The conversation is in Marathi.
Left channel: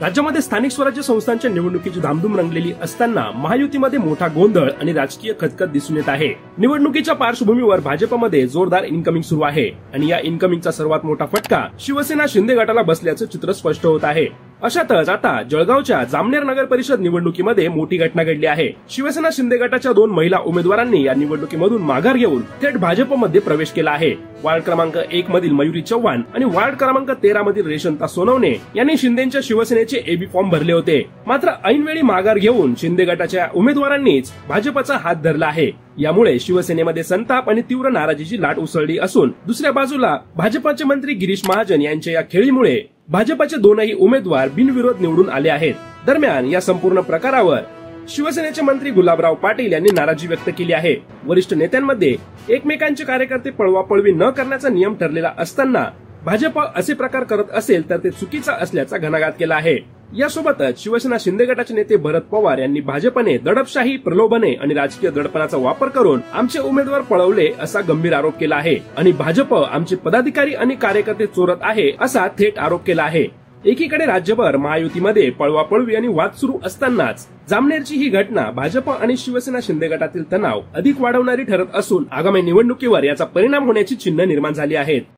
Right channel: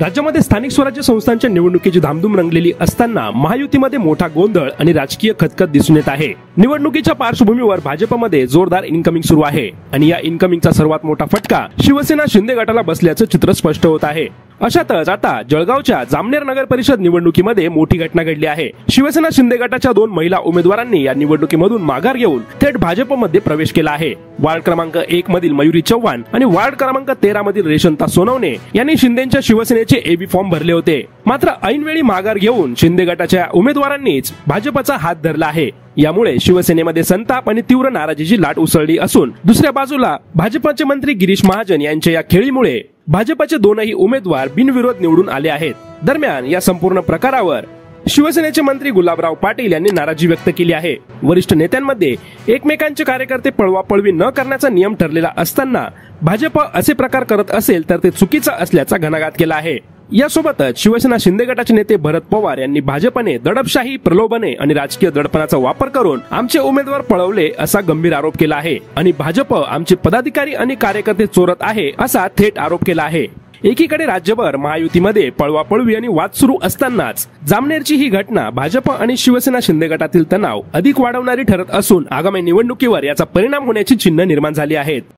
राज्यामध्ये स्थानिक स्वराज्य संस्थांच्या निवडणुकीची धामधूम रंगलेली असताना महायुतीमध्ये मोठा गोंधळ आणि राजकीय खतखत दिसून येत आहे। निवडणुकीच्या पार्श्वभूमीवर भाजपमध्ये जोरदार इनकमिंग सुरू आहे आणि या इनकमिंगचा सर्वात मोठा फटका शिवसेना शिंदे गटाला बसल्याचं चित्र स्पष्ट होत आहे। अशातच आता जळगावच्या जामनेर नगर परिषद निवडणुकीमध्ये मोठी घटना घडली आहे। शिवसेना शिंदे गटाच्या 2 महिला उमेदवारांनी या निवडणुकीमधून माघार घेऊन थेट भाजपमध्ये प्रवेश केला आहे। वार्ड क्रमांक 1 मधील मयुरी चव्हाण आणि वार्ड क्रमांक 13 मधील रेशंता सोनवणे यांनी शिंदेच्या शिवसेनेचे एबी फॉर्म भरले होते। मात्र ऐनवेळी माघार घेऊन शिंदे गटाच्या उमेदवारांनीच भाजपचा हात धरला आहे। यामुळे शिवसेनेमध्ये संताप आणि तीव्र नाराजीची लाट उसळली असून दुसऱ्या बाजूला भाजपचे मंत्री गिरीश महाजन यांच्या या खेळीमुळे भाजपचे 2ही उमेदवार बिनविरोध निवडून आले आहेत। दरम्यान या संपूर्ण प्रकारावर शिवसेनेचे मंत्री गुलाबराव पाटील यांनी नाराजी व्यक्त केली आहे। वरिष्ठ नेत्यांमध्ये एकमेकांचे कार्यकर्ते पळवापळवी न करण्याचा नियम ठरलेला असताना भाजप असे प्रकार करत असेल तर ते चुकीचा असल्याचा घणाघात केला आहे। यासोबतच शिवसेना शिंदे गटाचे नेते भरत पवार यांनी भाजपने दडपशाही, प्रलोभने आणि राजकीय दडपणाचा वापर करून आमचे उमेदवार पळवले असा गंभीर आरोप केला आहे आणि भाजप आमचे पदाधिकारी आणि कार्यकर्ते चोरत आहे असा थेट आरोप केला आहे। एकीकडे राज्यभर महायुतीमध्ये पळवापळवी आणि वाद सुरू असतानाच जामनेरची ही घटना भाजप आणि शिवसेना शिंदे गटातील तणाव अधिक वाढवणारी ठरत असून आगामी निवडणुकीवर याचा परिणाम होण्याची चिन्ह निर्माण झाली आहेत।